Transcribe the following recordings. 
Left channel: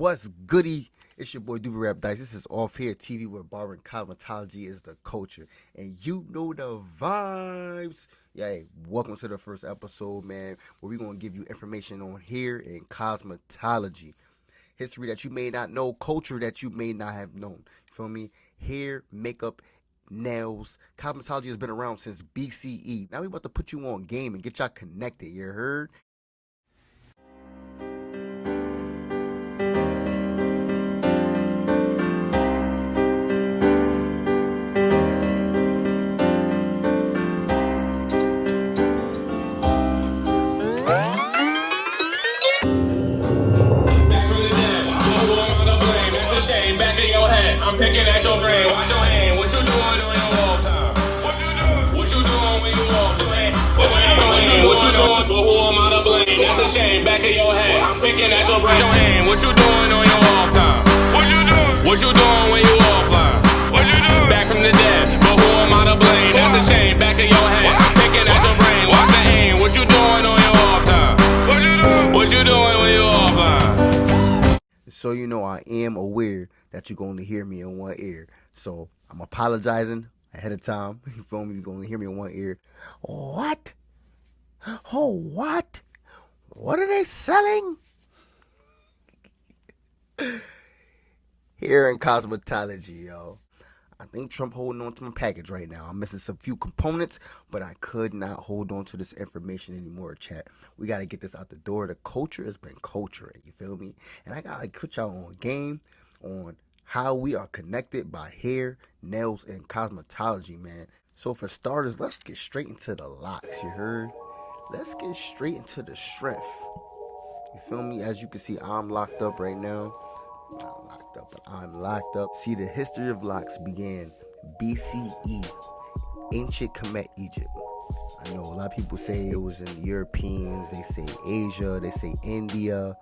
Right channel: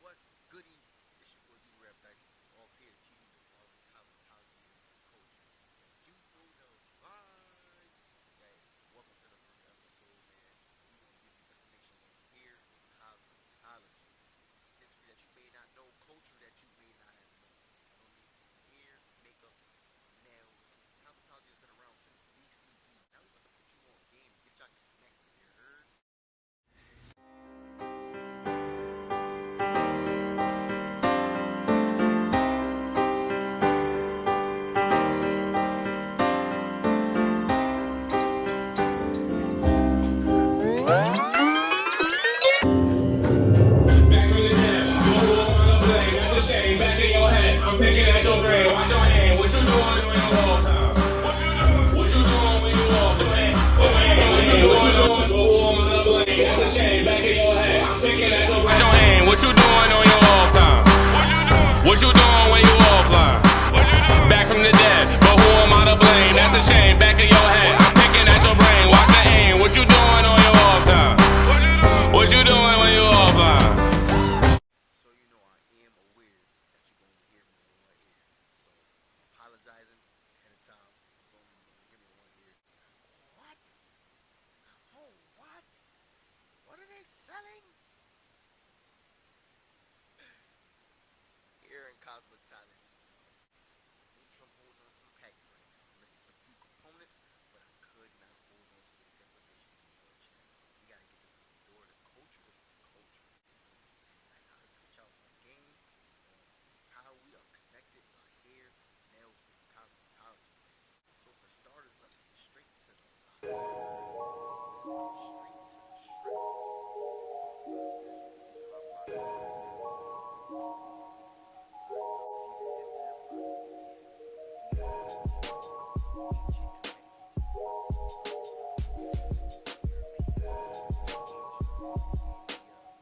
What's goody? It's your boy DubbiWrapDyce. This is Offhairtv, where barbering cosmetology is the culture, and you know the vibes. Yeah, welcome to the first episode, man, where we're gonna give you information on hair and cosmetology, history that you may not know, culture that you may not have known. You feel me? Hair, makeup, nails, cosmetology has been around since BCE. Now we about to put you on game and get y'all connected. You heard? Back in your head, I'm picking at your brain. Wash your hand. What you doing on your walk time? What you doing when you walk your hand? What you doing? But who am I to blame? That's a shame. Back in your head, I'm picking at your brain. Wash your hand. What you doing on your off time? What you doing when you offline? Back from the dead, but who am I to blame? That's a shame. Back in your head, I'm picking at your brain. Watch the aim. What you doing on your off time? What you doing when you offline? So you know I am aware that you're going to hear me in one ear. So I'm apologizing ahead of time. You feel me? You're going to hear me in one ear. What? Oh, what? What are they selling? Hair and cosmetology, yo. I think Trump holding on to my package right now. I'm missing some few components, but I could not hold on to this information anymore, chat. We got to get this out the door. The culture has been culturing, you feel me? And I got to put y'all on game on how we are connected by hair, nails, and cosmetology, man. So for starters, let's get straight into the locks, you heard? Let's get straight into the strength. You feel me? As you can see, I'm locked up right now. I'm locked up. See, the history of locks began BCE, ancient Kemet, Egypt. I know a lot of people say it was in the Europeans, they say Asia, they say India,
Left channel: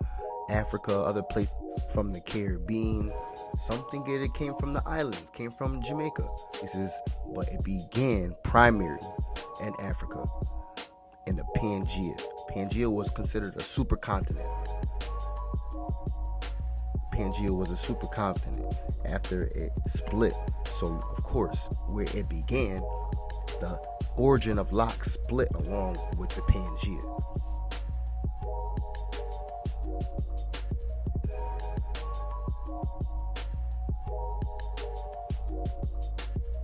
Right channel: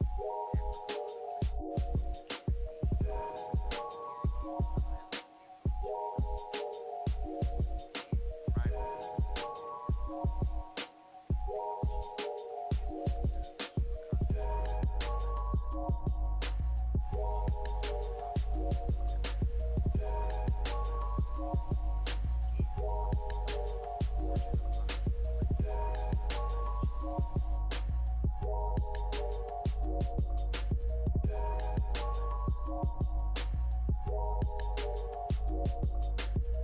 Africa, other places from the Caribbean. Some think it came from the islands, came from Jamaica. But it began primarily in Africa, in the Pangea. Pangea was considered a supercontinent. Pangea was a supercontinent after it split. So, of course, where it began, the origin of locks split along with the Pangea.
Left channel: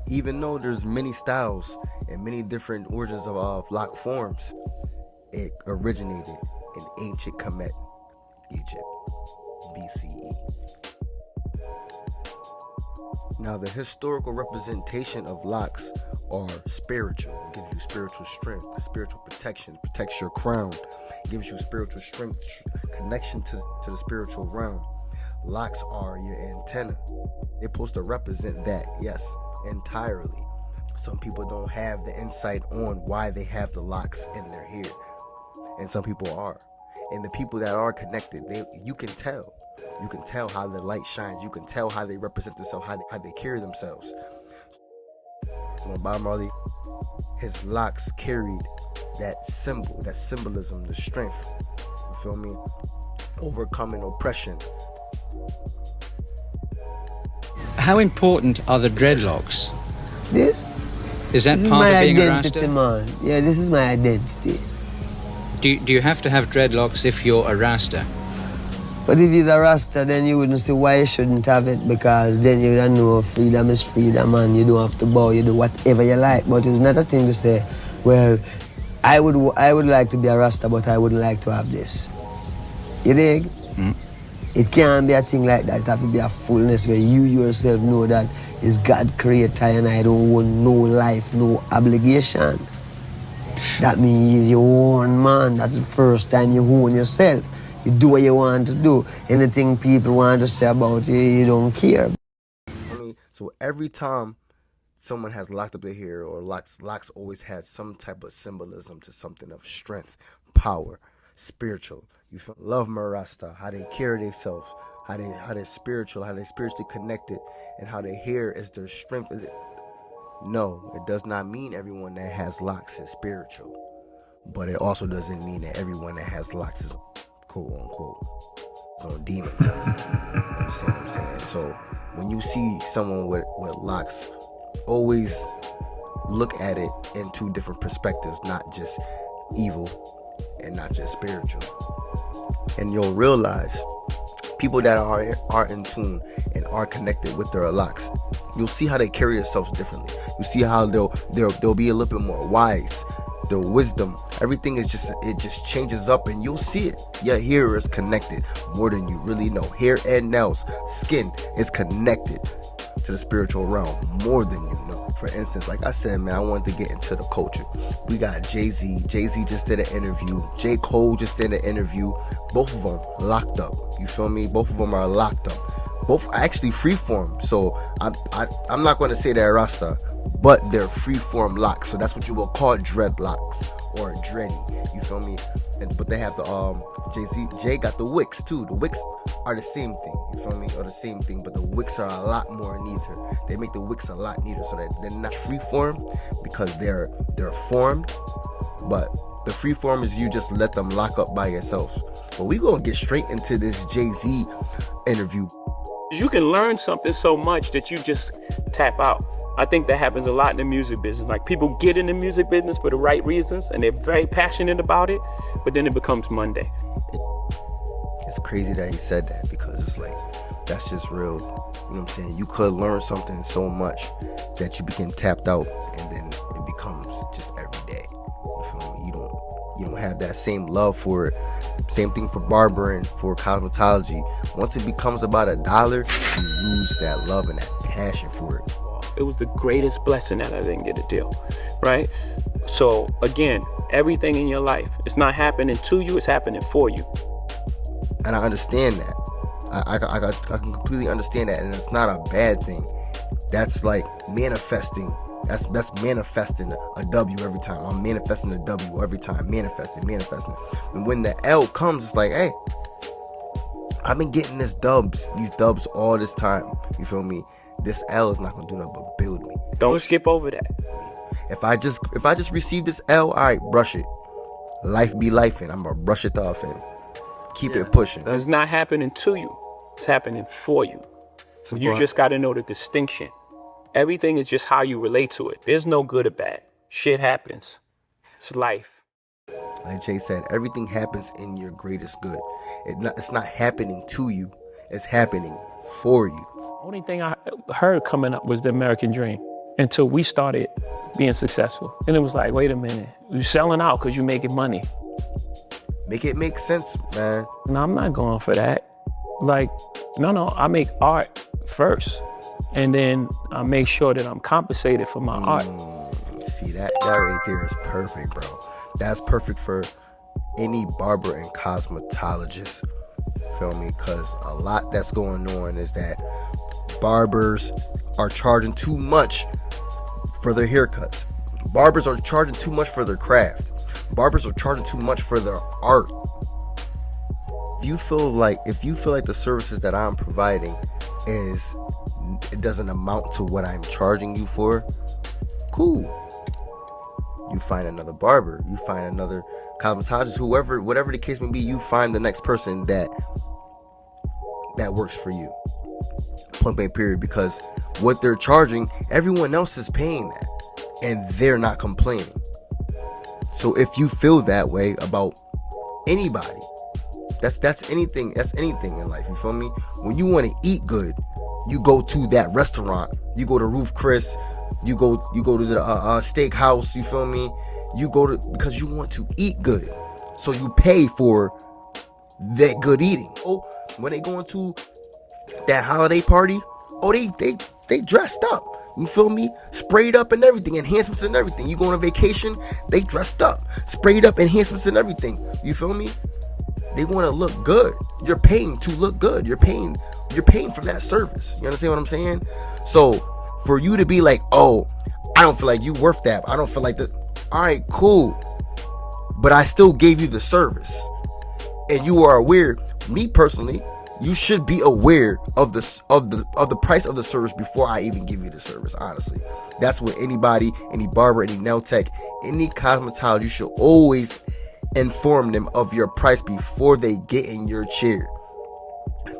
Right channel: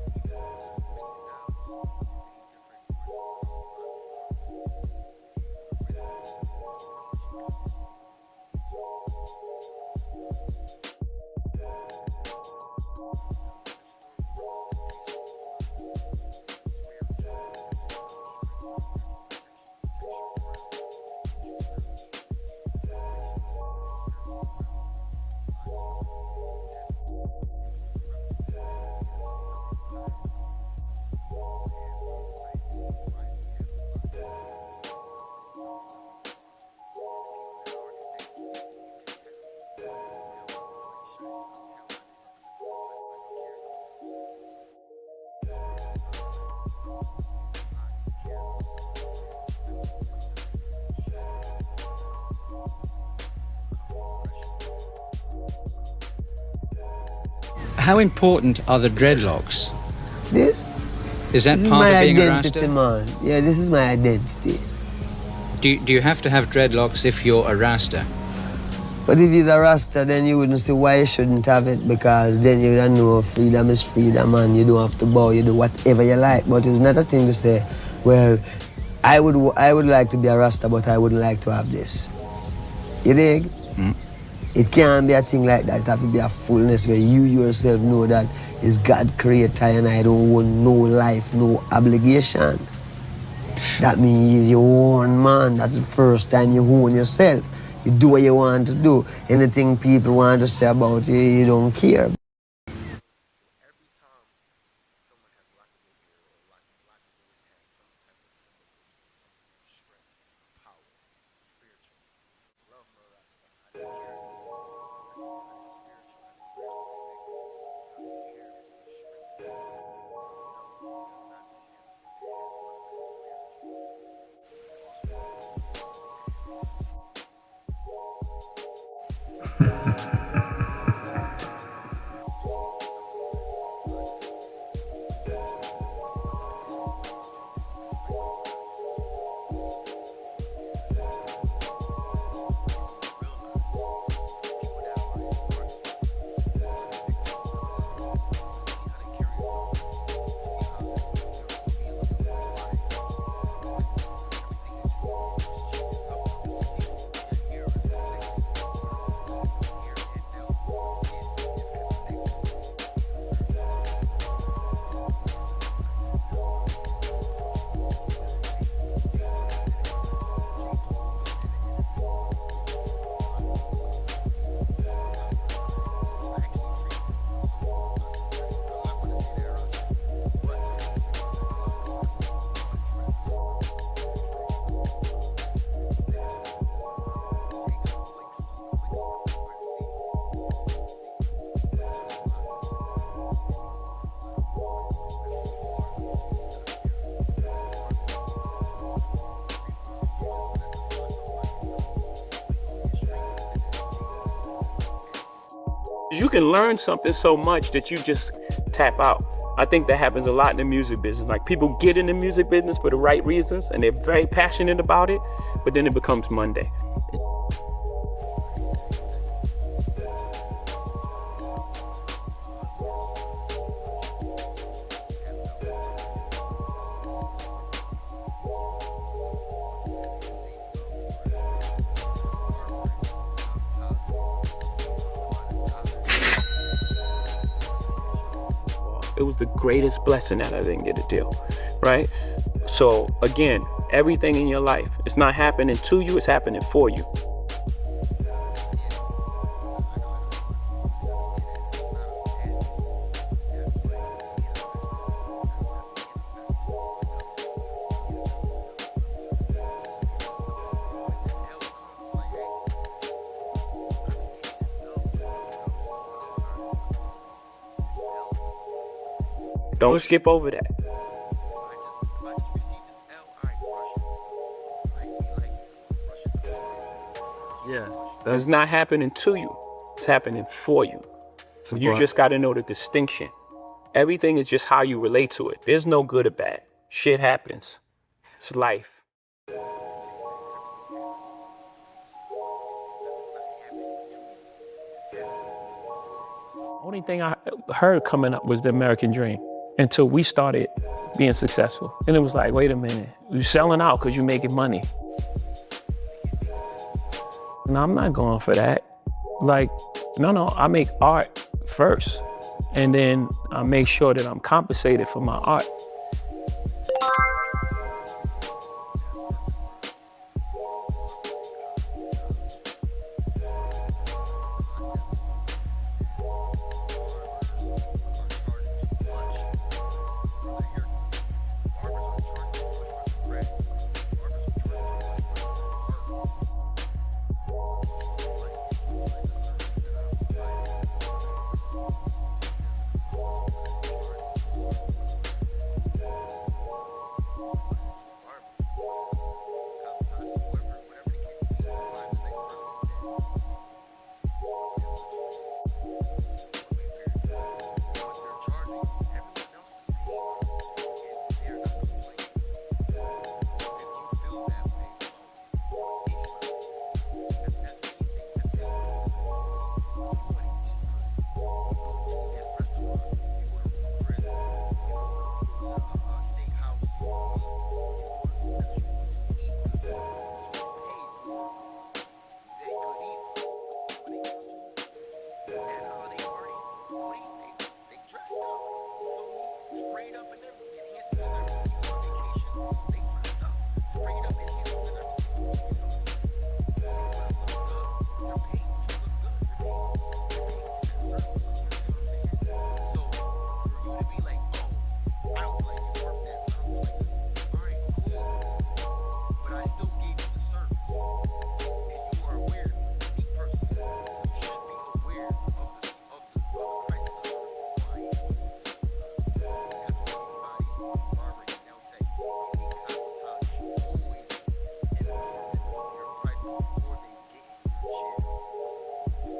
Even though there's many styles and many different origins of lock forms, it originated in ancient Kemet, Egypt, BCE. Now, the historical representation of locks are spiritual. It gives you spiritual strength, spiritual protection, protects your crown, it gives you spiritual strength, connection to the spiritual realm. Locks are your antenna. They're supposed to represent that, yes, entirely. Some people don't have the insight on why they have the locks in their hair, and some people are. And the people that are connected, you can tell. You can tell how the light shines. You can tell how they represent themselves, how they carry themselves. Bob Marley, his locks carried that symbol, that symbolism, the strength. You feel me? Overcoming oppression. How important are the dreadlocks? This Is that is part my of being a identity, Rasta? man. Yeah, this is my identity. Do you have to have dreadlocks if you're a Rasta? But if he's a Rasta, then you wouldn't see why you shouldn't have it, because then you don't know freedom is freedom, and you don't have to bow, you do whatever you like. But it's not a thing to say, well, I would like to be a Rasta, but I wouldn't like to have this. You dig? Mm. It can't be a thing like that. It have to be a fullness where you yourself know that it's God creator and I don't want no life, no obligation. That means you own, man. That's the first time you own yourself. You do what you want to do. Anything people want to say about you, you don't care. So every time someone has locked up their hair, or locks always had some type of symbolism to something of strength, power, spiritual. You feel love Marasta, how they carry themselves, how they're spiritual, how they're spiritually connected, and how their hair is their strength. No, it does not mean everyone that has locks is spiritual, but it also doesn't mean that everyone that has locks is quote unquote on demon time. see someone with locks, always look at it in two different perspectives, not just evil and not just spiritual. And you'll realize people that are in tune and are connected with their locks, you'll see how they carry themselves differently. You see how they'll be a little bit more wise. Their wisdom, everything is just changes up, and you'll see it. Your hair is connected more than you really know. Hair and nails, skin is connected to the spiritual realm more than you know. For instance, like I said, man, I wanted to get into the culture. We got Jayz. Jayz just did an interview. J. Cole just did an interview. Both of them locked up. You feel me? Both of them are locked up. Both are actually freeform. So I'm not going to say they're Rasta, but they're freeform locks. So that's what you will call dreadlocks or dready. You feel me? But they have the Jay got the wicks too. The wicks are the same thing. You feel me? Or the same thing, but the wicks are a lot more neater. They make the wicks a lot neater, so that they're not freeform because they're formed. But the freeform is you just let them lock up by yourself. But we gonna get straight into this Jay-Z interview. You can learn something so much that you just tap out. I think that happens a lot in the music business. Like, people get in the music business for the right reasons and they're very passionate about it, but then it becomes Monday. It's crazy that he said that, because it's like, that's just real. You know what I'm saying? You could learn something so much that you become tapped out, and then it becomes just every day. You feel me? You don't have that same love for it. Same thing for barbering, for cosmetology. Once it becomes about $1, you lose that love and that passion for it. It was the greatest blessing that I didn't get a deal, right? So again, everything in your life, it's not happening to you, it's happening for you. And I understand that. I can completely understand that, and it's not a bad thing. That's like manifesting. That's manifesting a W every time. I'm manifesting a W every time. Manifesting. And when the L comes, it's like, hey, I've been getting these dubs all this time. You feel me? This L is not gonna do nothing but build me. Don't skip over that. If I just receive this L, all right, brush it. Life be life, and I'm gonna brush it off and keep it pushing. It's not happening to you. It's happening for you. So you just got to know the distinction. Everything is just how you relate to it. There's no good or bad. Shit happens. It's life. Like Jay said, everything happens in your greatest good. It's not happening to you. It's happening for you. Only thing I heard coming up was the American dream until we started being successful. And it was like, wait a minute, you're selling out because you're making money. Make it make sense, man. No, I'm not going for that. Like, no, I make art first. And then I make sure that I'm compensated for my art. See, that right there is perfect, bro. That's perfect for any barber and cosmetologist. Feel me? Because a lot that's going on is that barbers are charging too much for their haircuts. Barbers are charging too much for their craft. Barbers are charging too much for their art. If you feel like the services that I'm providing it doesn't amount to what I'm charging you for, cool. You find another barber, you find another cosmetologist, whatever the case may be, you find the next person that works for you. Point blank period. Because what they're charging, everyone else is paying that, and they're not complaining. So if you feel that way about anybody, that's anything in life. You feel me? When you want to eat good, you go to that restaurant. You go to Roof Chris. You go to the steakhouse. You feel me? You go to, because you want to eat good, so you pay for that good eating. Oh, when they go into that holiday party, they dressed up. You feel me? Sprayed up and everything, enhancements and everything. You go on a vacation, they dressed up, sprayed up, enhancements and everything. You feel me? They want to look good. You're paying to look good. You're paying for that service. You understand what I'm saying? So for you to be like, oh, I don't feel like you worth that. I don't feel like that. All right, cool. But I still gave you the service, and you are aware. Me personally, you should be aware of the price of the service before I even give you the service. Honestly, that's what any barber, any nail tech, any cosmetologist, you should always inform them of your price before they get in your chair.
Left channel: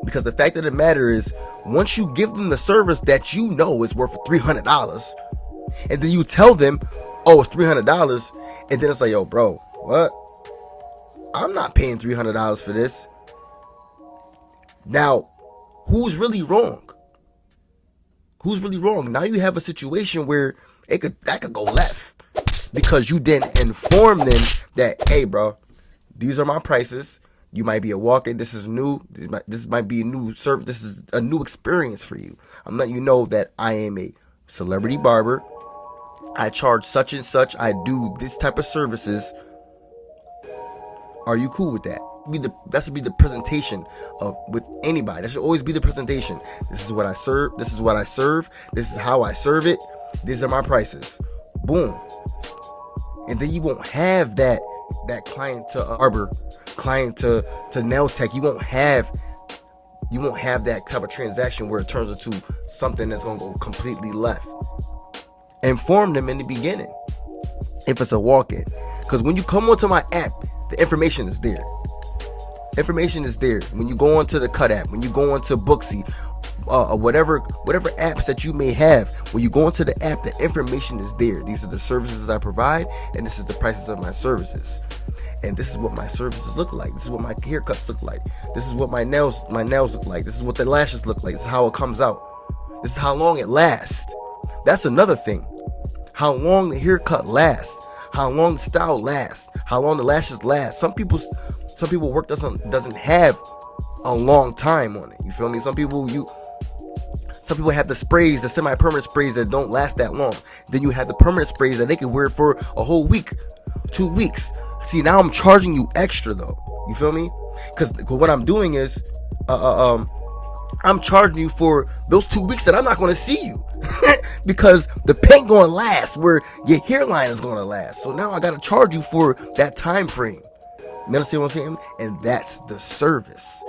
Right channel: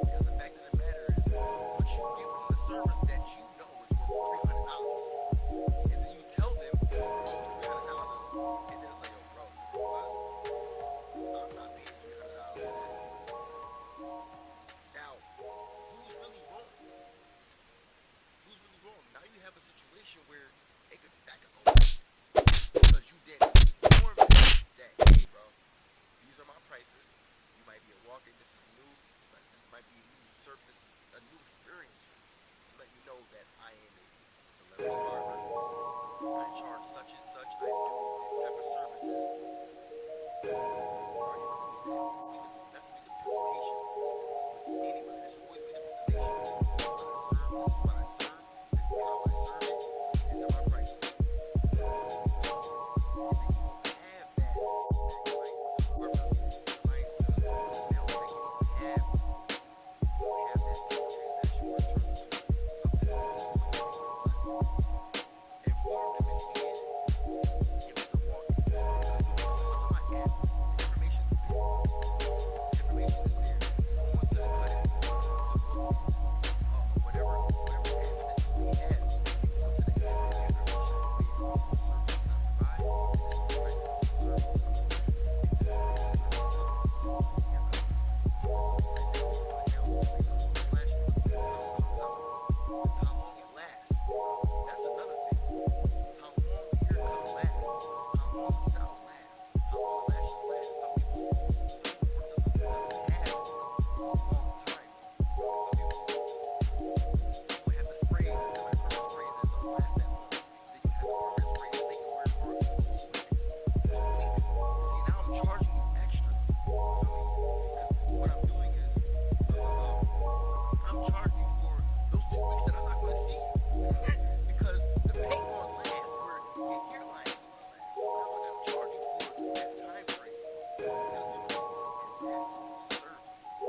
Because the fact of the matter is, once you give them the service that you know is worth $300, and then you tell them, oh, it's $300, and then it's like, yo, bro, what? I'm not paying $300 for this. Now, who's really wrong? Who's really wrong? Now you have a situation where that could go left because you didn't inform them that, hey, bro, these are my prices. You might be a walk-in. This is new. This might be a new service. This is a new experience for you. I'm letting you know that I am a celebrity barber. I charge such and such. I do this type of services. Are you cool with that? That should be the presentation with anybody. That should always be the presentation. This is what I serve. This is what I serve. This is how I serve it. These are my prices. Boom. And then you won't have that client to barber, client to nail tech. You won't have that type of transaction where it turns into something that's gonna go completely left. Inform them in the beginning if it's a walk-in, because when you come onto my app, the information is there. Information is there. When you go onto the Cut app, when you go onto Booksy, whatever apps that you may have, when you go into the app, the information is there. These are the services I provide, and this is the prices of my services. And this is what my services look like. This is what my haircuts look like. This is what my nails look like. This is what the lashes look like. This is how it comes out. This is how long it lasts. That's another thing. How long the haircut lasts. How long the style lasts. How long the lashes last. Some people's work doesn't have a long time on it. You feel me? Some people have the sprays, the semi-permanent sprays that don't last that long. Then you have the permanent sprays that they can wear for a whole week, 2 weeks. See, now I'm charging you extra though. You feel me? Because what I'm doing is, I'm charging you for those 2 weeks that I'm not going to see you, because the paint going to last where your hairline is going to last. So now I got to charge you for that time frame. You understand what I'm saying? And that's the service.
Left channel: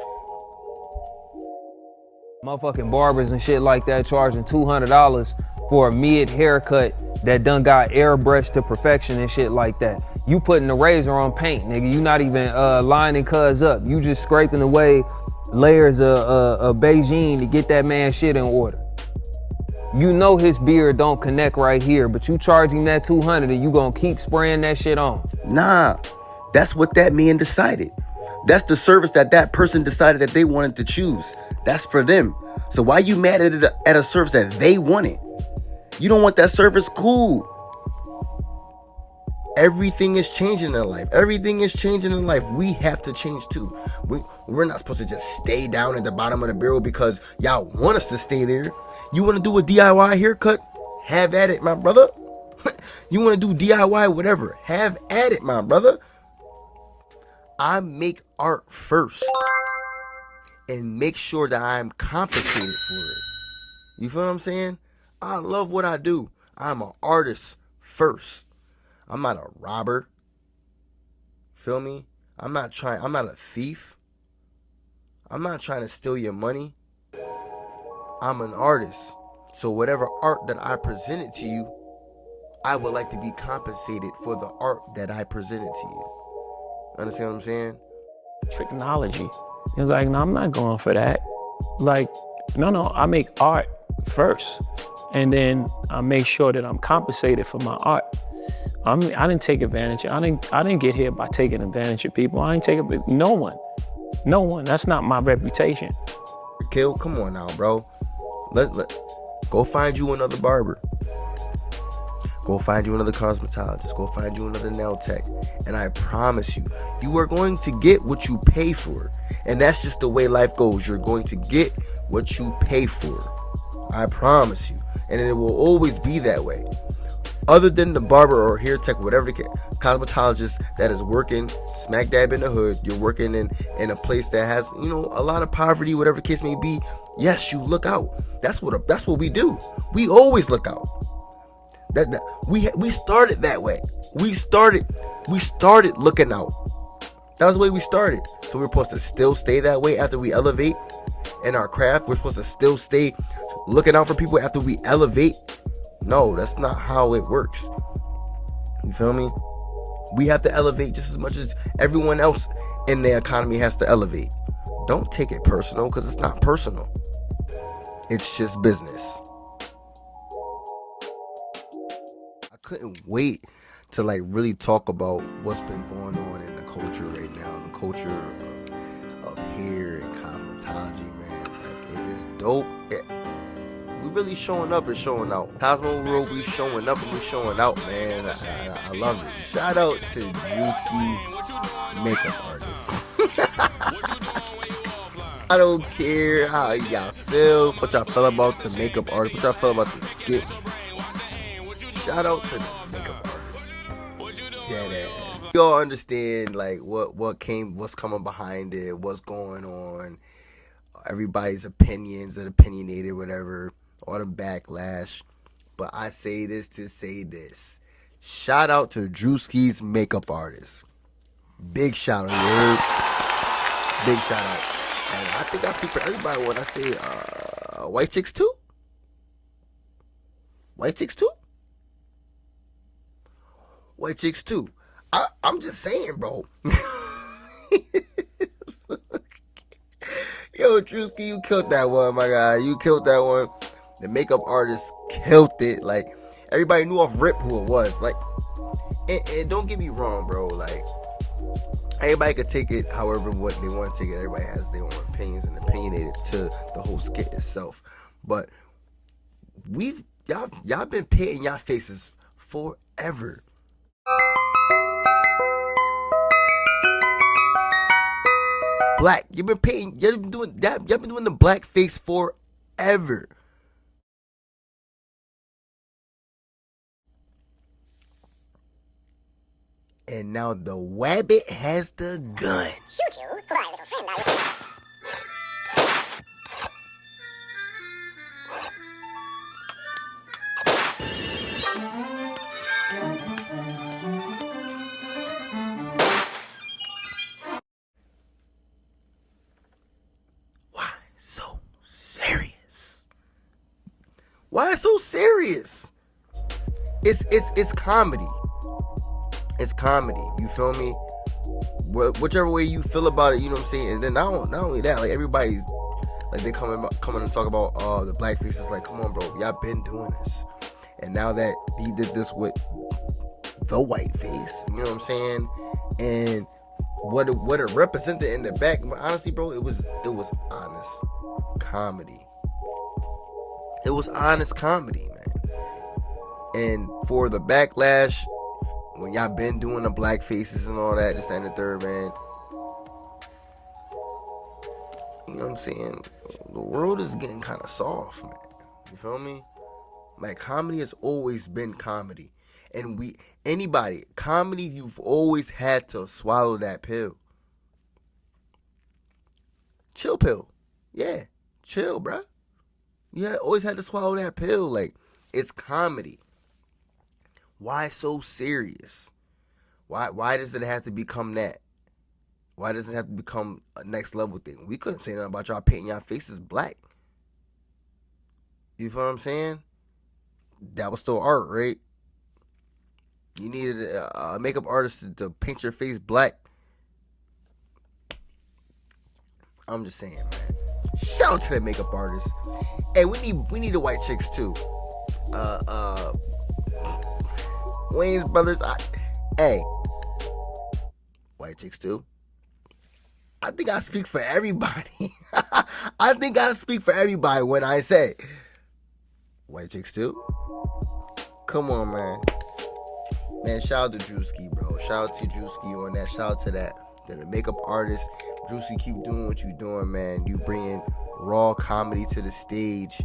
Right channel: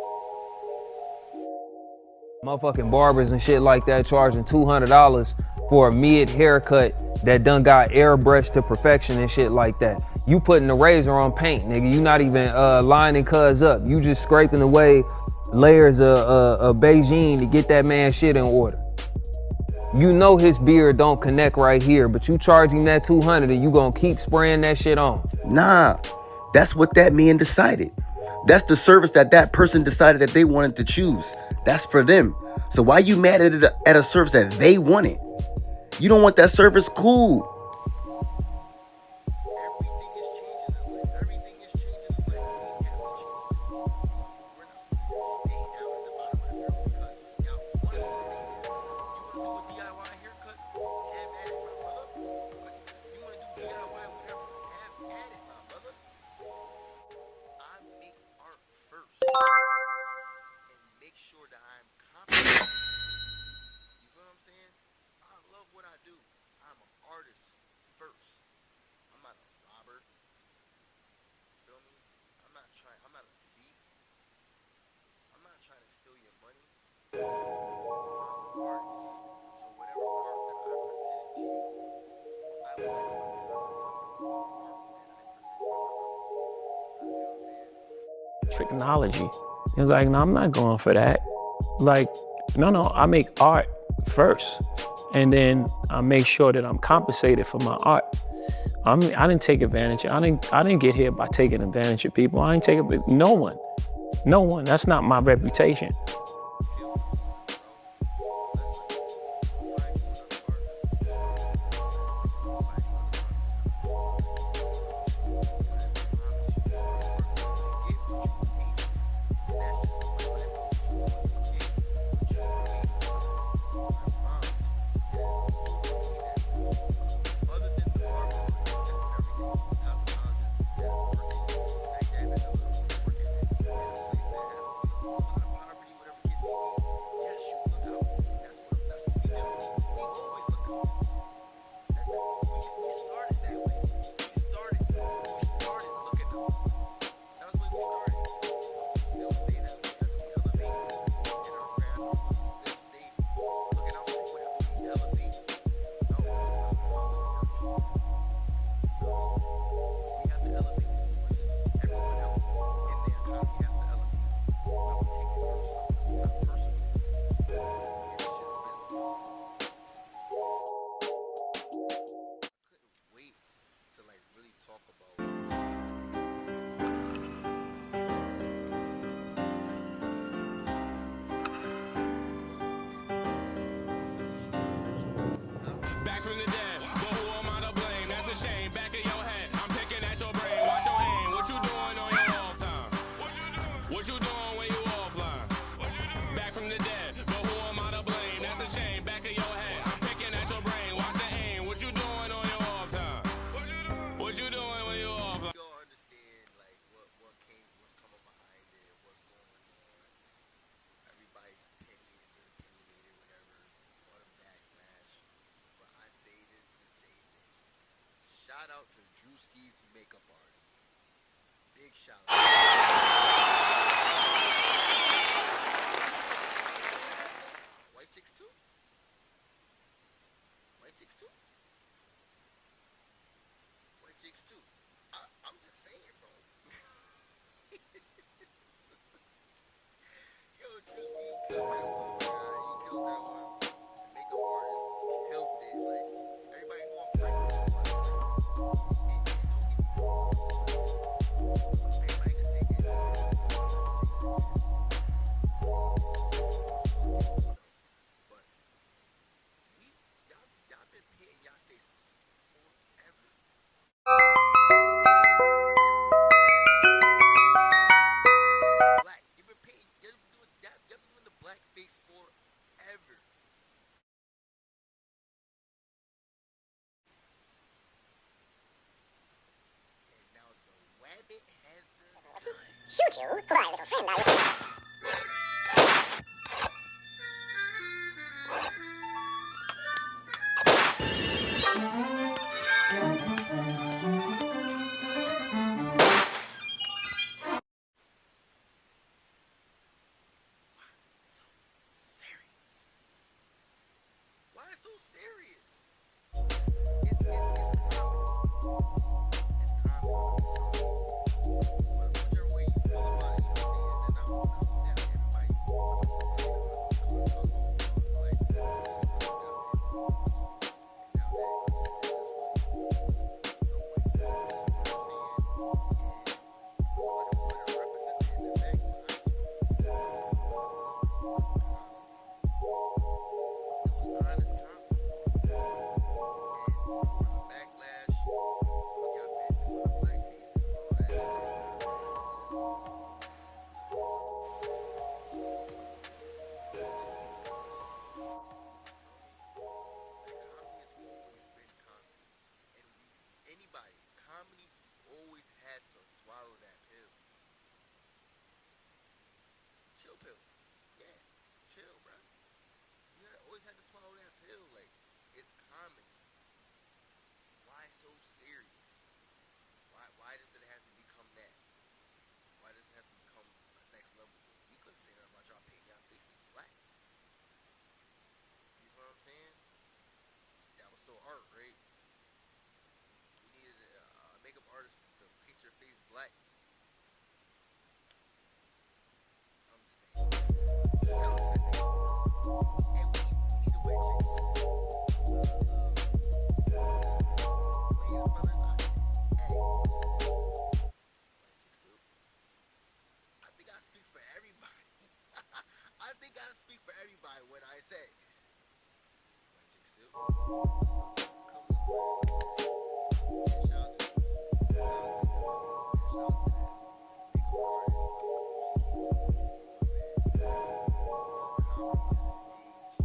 Motherfucking barbers and shit like that charging $200 for a mid haircut that done got airbrushed to perfection and shit like that. You putting the razor on paint, nigga. You not even lining cuz up. You just scraping away layers of Beijing to get that man shit in order. You know his beard don't connect right here, but you charging that $200 and you gonna keep spraying that shit on. Nah, that's what that man decided. That's the service that person decided that they wanted to choose. That's for them. So why you mad at a service that they wanted? You don't want that service? Cool. Everything is changing in life. Everything is changing in life. We have to change too. We're not supposed to just stay down at the bottom of the barrel because y'all want us to stay there. You want to do a DIY haircut? Have at it, my brother. You want to do DIY whatever? Have at it, my brother. I make art first and make sure that I'm compensated for it. You feel what I'm saying? I love what I do. I'm an artist first. I'm not a robber. Feel me? I'm not a thief. I'm not trying to steal your money. I'm an artist. So whatever art that I presented to you, I would like to be compensated for the art that I presented to you. Understand what I'm saying? Technology. He was like, no, I'm not going for that. Like, no, I make art first. And then I make sure that I'm compensated for my art. I didn't take advantage. I didn't get here by taking advantage of people. I ain't taking no one. That's not my reputation. Kill, come on now, bro. Let go find you another barber. Go find you another cosmetologist. Go find you another nail tech. And I promise you, you are going to get what you pay for. And that's just the way life goes. You're going to get what you pay for. I promise you. And it will always be that way. Other than the barber or hair tech, whatever the cosmetologist that is working smack dab in the hood, you're working in a place that has, a lot of poverty, whatever the case may be. Yes, you look out. That's what we do. We always look out. We started that way. We started looking out. That was the way we started. So we're supposed to still stay that way after we elevate in our craft. We're supposed to still stay looking out for people after we elevate. No, that's not how it works. You feel me? We have to elevate just as much as everyone else in the economy has to elevate. don't take it personal, because it's not personal. It's just business. I couldn't wait to like really talk about what's been going on in the culture right now. The culture of hair and cosmetology, man. Like, it is dope. We really showing up and showing out. Cosmo World, we showing up and we showing out, man. I love it. Shout out to Druski's makeup artist. I don't care how y'all feel, what y'all feel about the makeup artist, what y'all feel about the skit. Shout out to the makeup artist. Yeah, y'all understand like what's coming behind it, what's going on, everybody's opinions and opinionated, whatever, all the backlash. But I say this to say this. Shout out to Druski's makeup artist. Big shout out, you heard? Big shout out. And I think I speak for everybody when I say white chicks too. White chicks too. White chicks too. I'm just saying, bro. Yo, Druski, you killed that one, my guy. You killed that one. The makeup artist killed it. Like, everybody knew off rip who it was. Like, and don't get me wrong, bro. Like, everybody could take it however what they want to take it. Everybody has their own opinions and opinionated to the whole skit itself. But y'all been painting y'all faces forever. Black, you've been painting, y'all been doing that, y'all been doing the black face forever. And now the wabbit has the gun. Shoot you, goodbye, little friend. Why so serious? Why so serious? It's comedy. It's comedy. You feel me? Whichever way you feel about it, you know what I'm saying. And then not only that, like everybody's like they coming and talk about the black faces. Like, come on, bro, y'all been doing this. And now that he did this with the white face, you know what I'm saying? And what it represented in the back, honestly, bro, it was honest comedy. It was honest comedy, man. And for the backlash, when y'all been doing the black faces and all that, this and the third, man, you know what I'm saying? The world is getting kind of soft, man. You feel me? Like, comedy has always been comedy. And comedy, you've always had to swallow that pill. Chill pill. Yeah, chill, bruh. You always had to swallow that pill. Like, it's comedy. Why so serious? Why does it have to become that? Why does it have to become a next level thing? We couldn't say nothing about y'all painting y'all faces black. You feel what I'm saying? That was still art, right? You needed a makeup artist to paint your face black. I'm just saying, man. Shout out to the makeup artist. Hey, we need the white chicks too. Wayne's brothers. Hey, white chicks too. I think I speak for everybody. I think I speak for everybody when I say white chicks too. Come on, man. Man, shout out to Druski, bro. Shout out to Druski on that. Shout out to that. To the makeup artist. Druski, keep doing what you doing, man. You bringing raw comedy to the stage.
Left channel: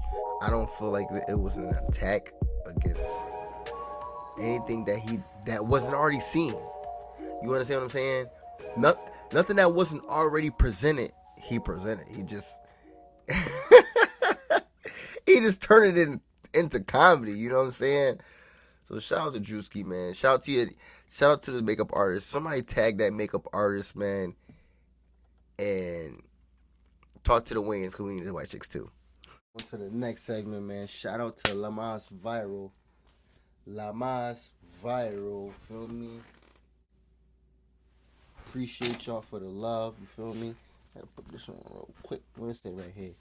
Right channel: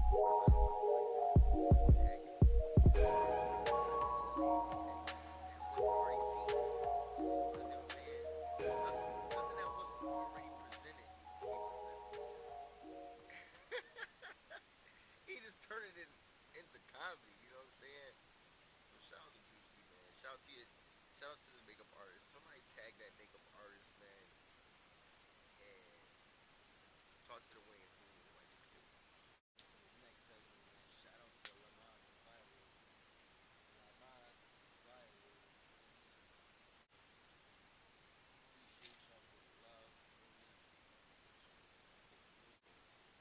I don't feel like it was an attack against anything that wasn't already seen. You understand what I'm saying? Nothing that wasn't already presented, he presented. He just he just turned it into comedy. You know what I'm saying? So shout out to Druski, man. Shout out to the makeup artist. Somebody tag that makeup artist, man, and talk to the Wayans, because we need the white chicks too. On to the next segment, man. Shout out to Lamas Viral. Lamas Viral, feel me? Appreciate y'all for the love, you feel me? Gotta put this on real quick. What does it say right here?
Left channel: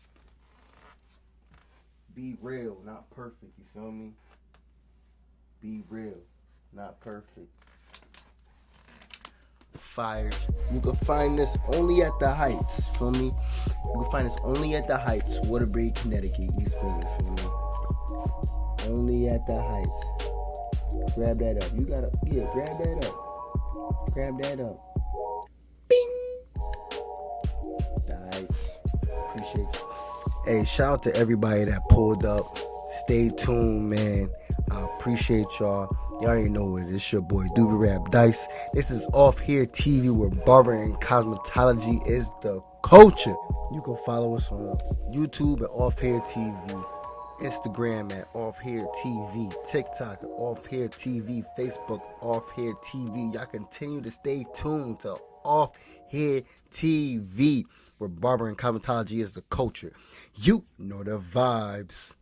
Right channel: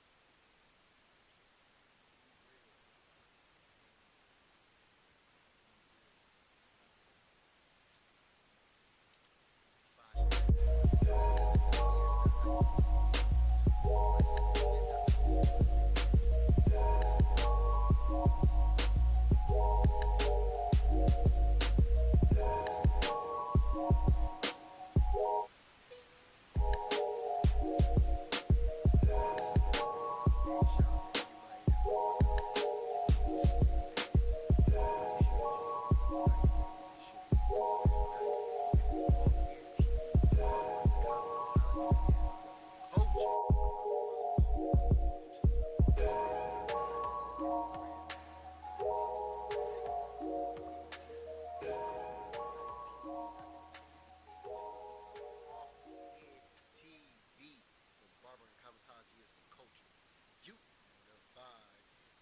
Be real, not perfect. You feel me? Be real, not perfect. Fire. You can find this only at the Heights. Feel me? You can find this only at the Heights, Waterbury, Connecticut, East Point. Feel me? Only at the Heights. Grab that up. You gotta, yeah, grab that up. Grab that up. Bing. The Heights. Appreciate you. Hey, shout out to everybody that pulled up. Stay tuned, man. I appreciate y'all. You already know it. It's your boy DubbiWrapDyce. This is Offhairtv, where barber and cosmetology is the culture. You can follow us on YouTube at Offhairtv, Instagram at Offhairtv, TikTok at Offhairtv, Facebook Offhairtv. Y'all continue to stay tuned to Offhairtv, where barber and cosmetology is the culture. You know the vibes.